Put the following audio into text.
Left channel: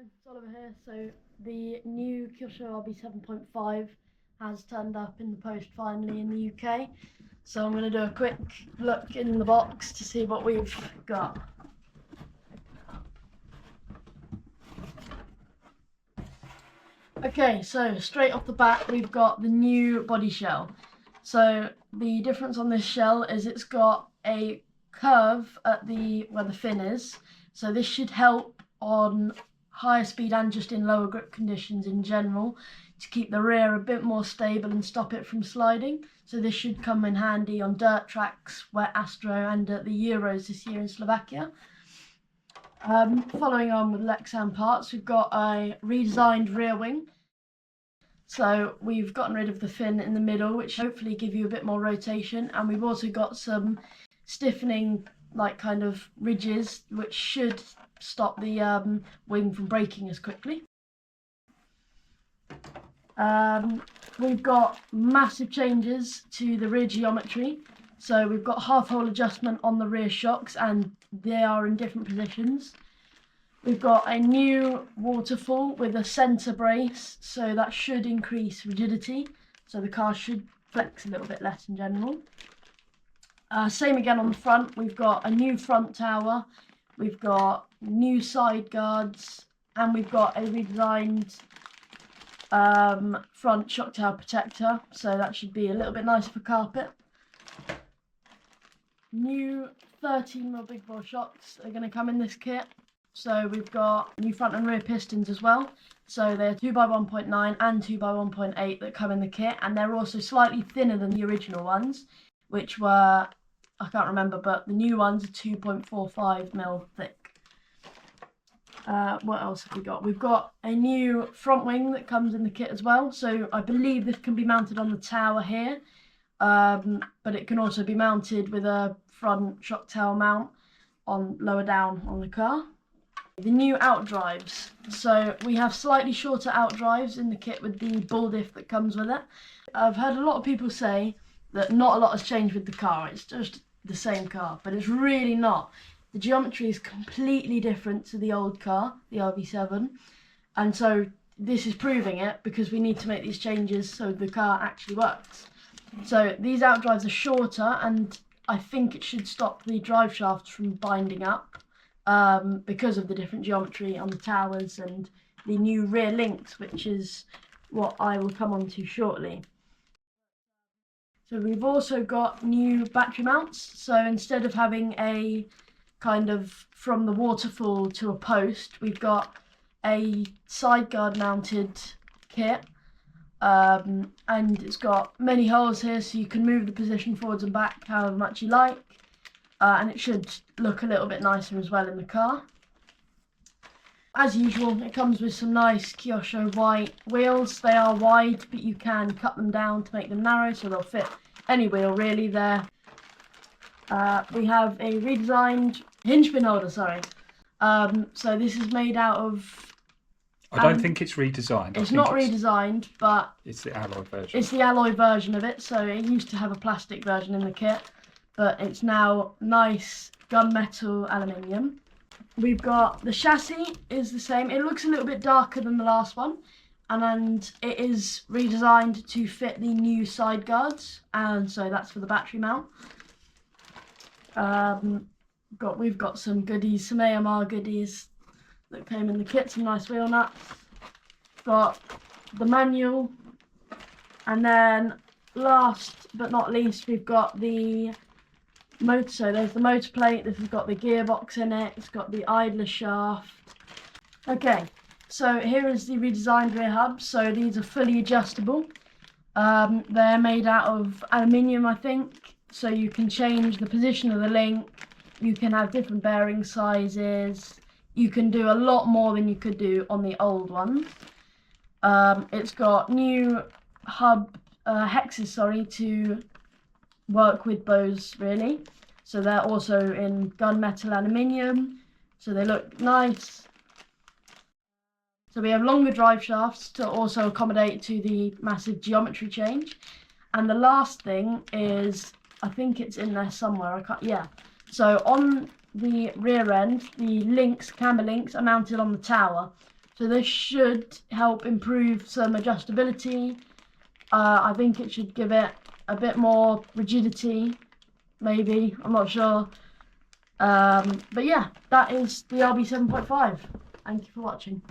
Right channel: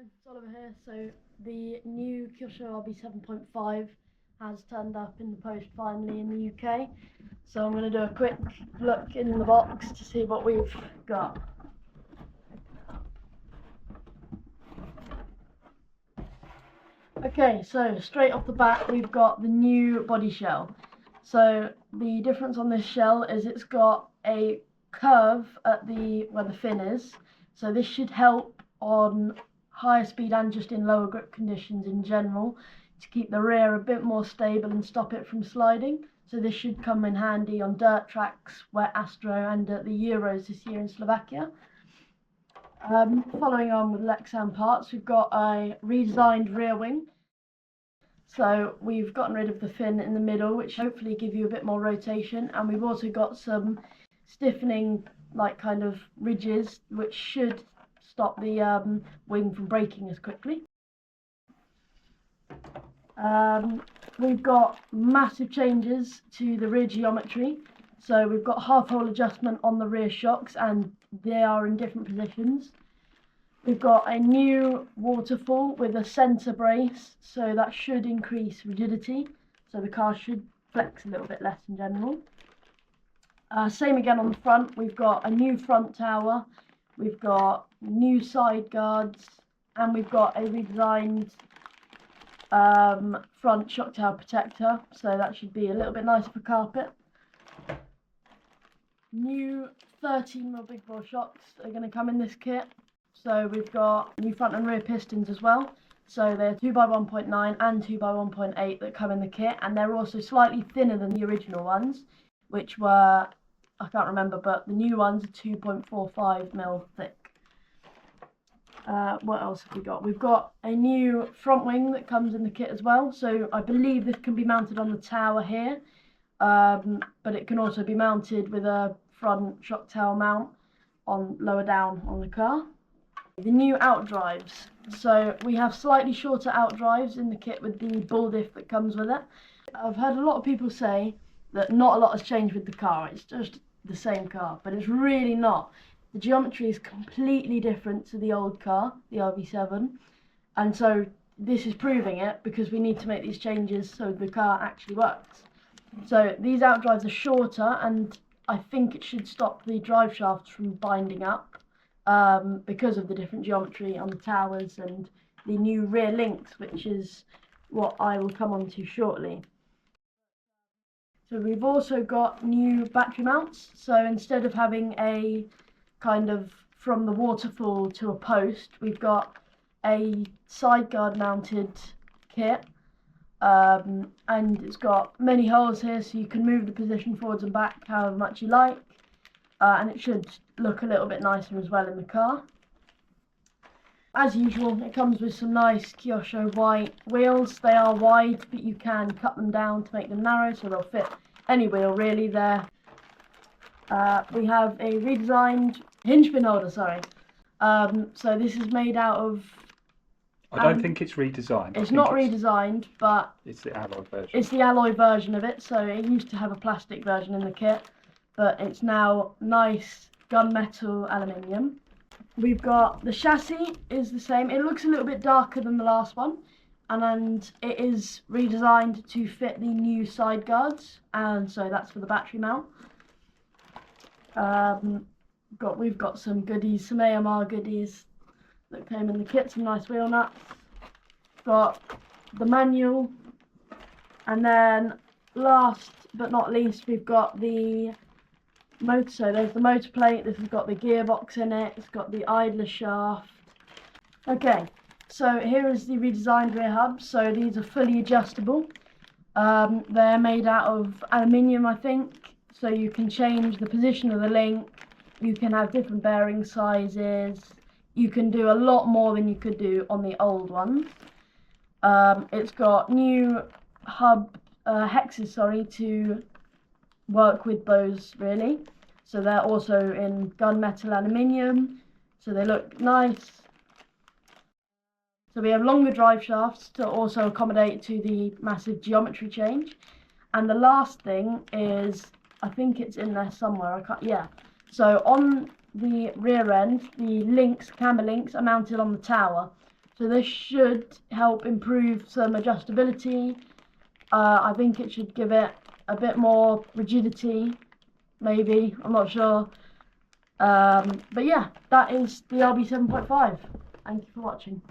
It's Oliver here. So the new KYOSHO RB 7.5 has turned up in the post finally in the UK. So I'm going to do a quick look in the box to see what we've got. Okay, so straight off the bat we've got the new body shell. So the difference on this shell is it's got a curve at where the fin is. So this should help on higher speed and just in lower grip conditions in general to keep the rear a bit more stable and stop it from sliding. So this should come in handy on dirt tracks, wet Astro and at the Euros this year in Slovakia. Following on with Lexan parts, we've got a redesigned rear wing. So we've gotten rid of the fin in the middle, which hopefully give you a bit more rotation, and we've also got some stiffening like kind of ridges which should stop the wing from breaking as quickly. We've got massive changes to the rear geometry. So we've got half-hole adjustment on the rear shocks and they are in different positions. We've got a new waterfall with a centre brace, so that should increase rigidity. So the car should flex a little bit less in general. Same again on the front, we've got a new front tower, we've got new side guards, and we've got a redesigned front shock tower protector, so that should be a little bit nicer for carpet. New 13mm big bore shocks are going to come in this kit. So we've got new front and rear pistons as well. So they're 2x1.9 and 2x1.8 that come in the kit, and they're also slightly thinner than the original ones, which were, I can't remember, but the new ones are 2.45mm thick. What else have we got? We've got a new front wing that comes in the kit as well. So I believe this can be mounted on the tower here, but it can also be mounted with a front shock tower mount on lower down on the car. The new outdrives. So we have slightly shorter outdrives in the kit with the bull diff that comes with it. I've heard a lot of people say that not a lot has changed with the car, it's just the same car, but it's really not. The geometry is completely different to the old car, the RB7, and so this is proving it because we need to make these changes so the car actually works. So these outdrives are shorter, and I think it should stop the drive shafts from binding up because of the different geometry on the towers and the new rear links, which is what I will come on to shortly. So we've also got new battery mounts. So instead of having a kind of from the waterfall to a post, we've got a side guard mounted kit, and it's got many holes here so you can move the position forwards and back however much you like, and it should look a little bit nicer as well in the car. As usual, it comes with some nice KYOSHO white wheels. They are wide, but you can cut them down to make them narrow, so they'll fit any wheel really there. We have a redesigned hinge pin holder, sorry. So this is made out of... I don't think it's redesigned. It's not redesigned, but... It's the alloy version. It's the alloy version of it, so it used to have a plastic version in the kit, but it's now nice gunmetal aluminium. We've got the chassis is the same. It looks a little bit darker than the last one, and it is redesigned to fit the new side guards, and so that's for the battery mount. We've got some goodies, some AMR goodies that came in the kit, some nice wheel nuts. Got the manual, and then last but not least we've got the motor. So there's the motor plate, this has got the gearbox in it, it's got the idler shaft. Okay, so here is the redesigned rear hubs. So these are fully adjustable. They're made out of aluminium, I think, so you can change the position of the link, you can have different bearing sizes, you can do a lot more than you could do on the old ones. It's got new hub hexes, to work with those really. So they're also in gunmetal aluminium, so they look nice. So we have longer drive shafts to also accommodate to the massive geometry change. And the last thing is, I think it's in there somewhere, so on the rear end, the links, camber links, are mounted on the tower. So this should help improve some adjustability. I think it should give it a bit more rigidity, maybe, I'm not sure. But yeah, that is the RB 7.5. Thank you for watching.